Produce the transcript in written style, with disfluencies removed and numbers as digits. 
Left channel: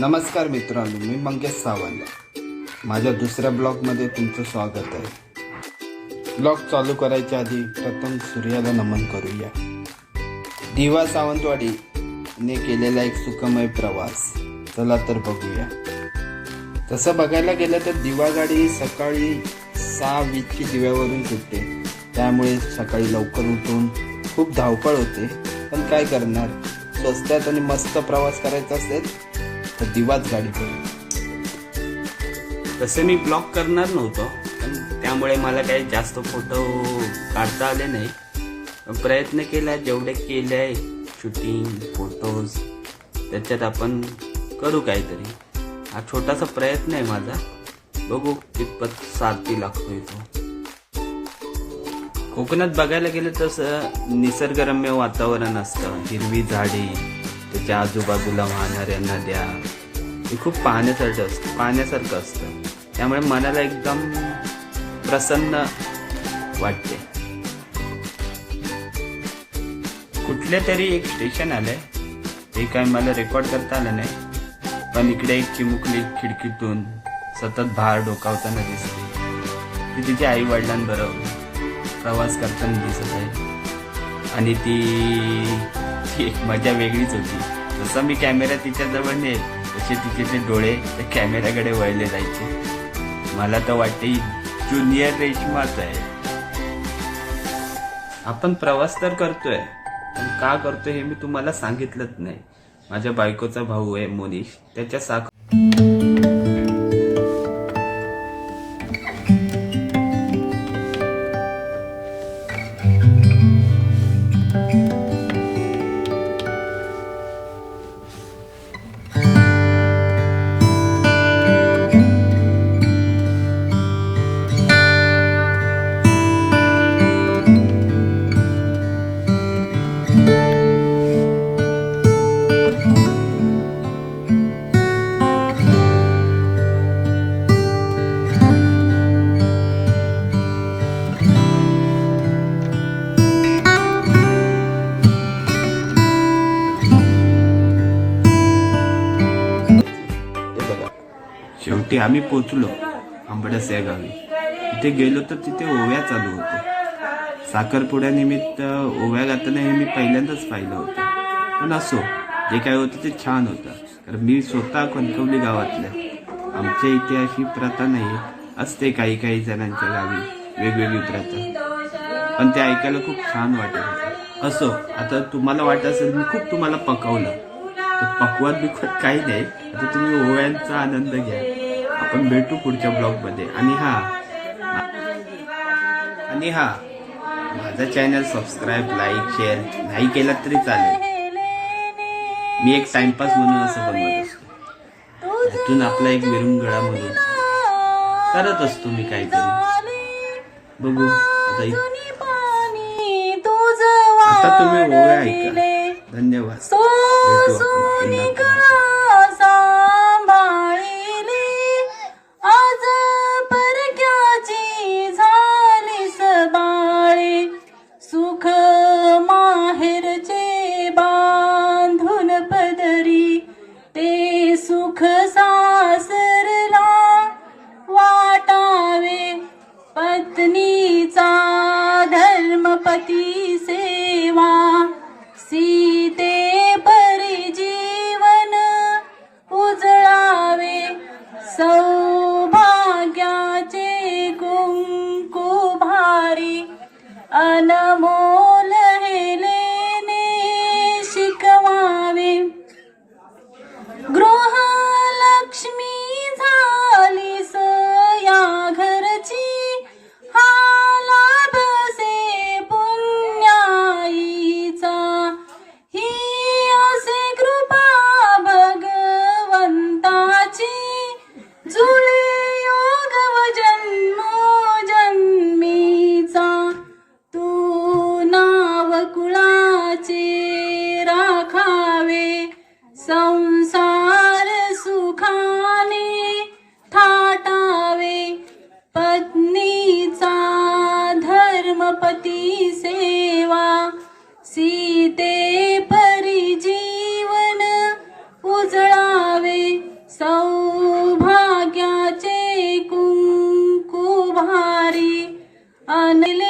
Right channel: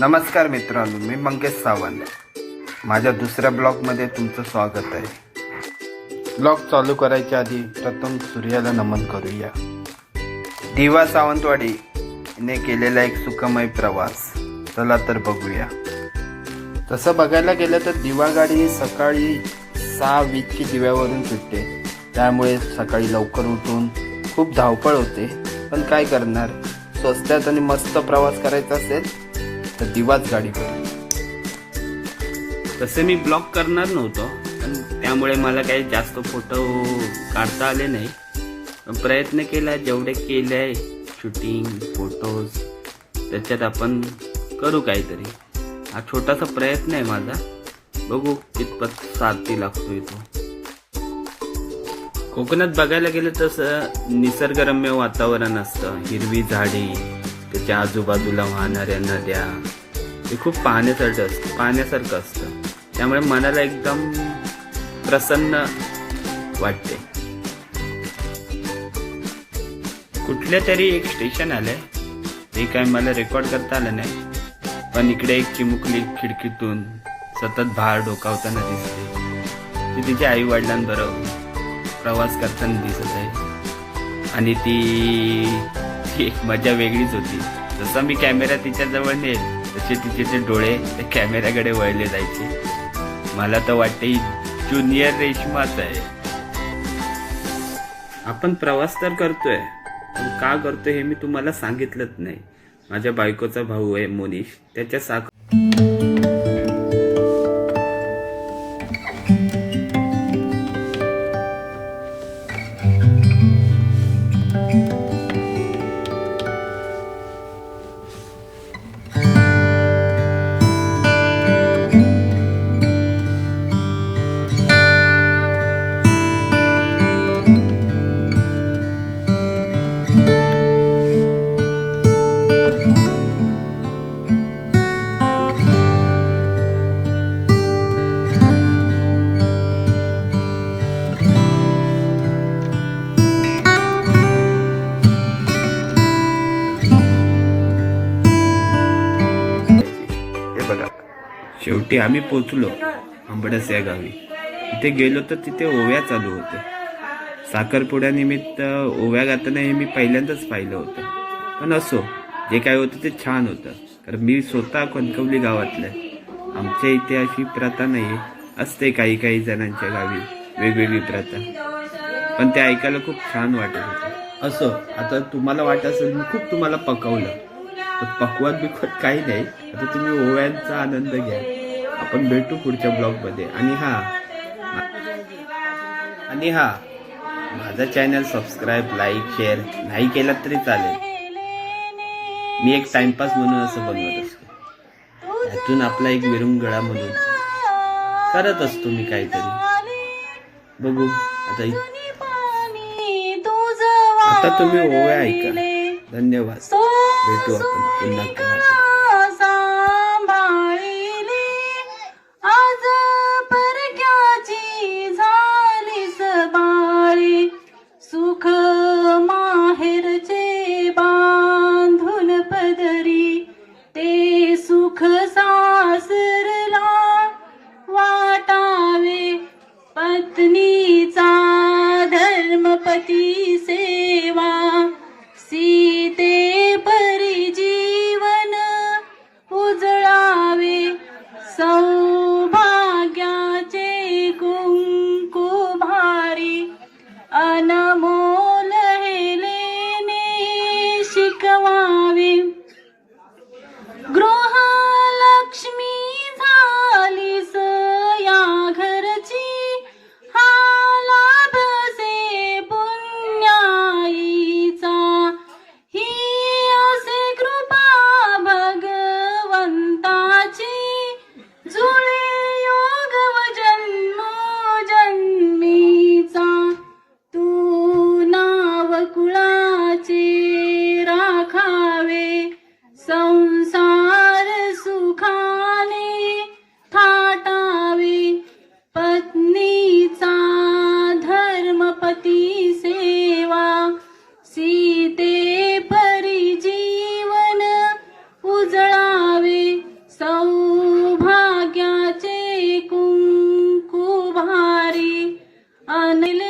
नमस्कार मित्रांनो, मी मंगेश सावंत. माझ्या दुसऱ्या ब्लॉगमध्ये तुमचं स्वागत आहे. ब्लॉग चालू करायच्या आधी प्रथम सूर्याला नमन करूया. दिवा सावंतवाडीने केलेला एक सुखमय प्रवास, चला तर बघूया. तसं बघायला गेलं तर दिवा गाडी सकाळी 6:20ची दिव्यावरून सुटते. त्यामुळे सकाळी लवकर उठून खूप धावपळ होते. पण काय करणार, स्वस्तात आणि मस्त प्रवास करायचा असेल तर दिवाच गाडी करू. तसे मी ब्लॉग करणार नव्हतो, पण त्यामुळे मला काही जास्त फोटो काढता आले नाही. प्रयत्न केला, जेवढे केले आहे शूटिंग फोटोज, त्याच्यात आपण करू काहीतरी. हा छोटासा प्रयत्न आहे माझा, बघू कितपत सार्थी लागतोय तो. कोकणात बघायला गेलं तसं निसर्गरम्य वातावरण असतं. हिरवी झाडी, त्याच्या आजूबाजूला वाहणाऱ्या नद्या, हे खूप पाहण्यासारखं असतं. त्यामुळे मनाला एकदम प्रसन्न वाटते. कुठल्या तरी एक स्टेशन आलंय, ते काय मला रेकॉर्ड करता आलं नाही. पण इकडे एक चिमुकली खिडकीतून सतत भार डोकावताना दिसते. ती तिच्या आई वडिलांबरोबर प्रवास करताना दिसत आहे. आणि ती एक मजा वेगळीच होती. जसा मी कॅमेरा तिच्या जवळ नेल तसे तिचे डोळे त्या कॅमेऱ्याकडे वळले जायचे. मला तर वाटते ज्युनियर रेशमाच आहे. आपण प्रवास तर करतोय, पण का करतोय हे मी तुम्हाला सांगितलंच नाही. माझ्या बायकोचा भाऊ आहे मोनिश, त्याच्या शेवटी आम्ही पोचलो आंबडस या गावी. तिथे गेलो तर तिथे ओव्या चालू होते. साखरपुड्यानिमित्त ओव्या गाताना हे मी पहिल्यांदाच पाहिलं होतं. पण असो, जे काय होतं ते छान होतं. कारण मी स्वतः कणकवली गावातलं. आमच्या इथे अशी प्रथा नाही, असते काही काही जणांच्या गावी वेगवेगळी प्रथा, पण ते ऐकायला खूप छान वाटत होतं. असो, आता तुम्हाला वाटत असेल मी खूप तुम्हाला पकवलं, पकवत बिकवत काही नाही. आता तुम्ही ओव्यांचा आनंद घ्या. आपण भेटू पुढच्या ब्लॉगमध्ये. आणि हा माझा चॅनल सबस्क्राईब, लाईक, शेअर नाही केला तरी चालेल. मी एक टाइमपास म्हणून असं बनवत असतो. यातून आपला एक विरंगुळा म्हणून करत असतो मी काहीतरी. बघू आता तुम्ही ओव्या ऐका. धन्यवाद. भेटू आपण पुन्हा. सुख सासरला वाटावे, पत्नीचा धर्मपती सेवा, सीते परी जीवन बनले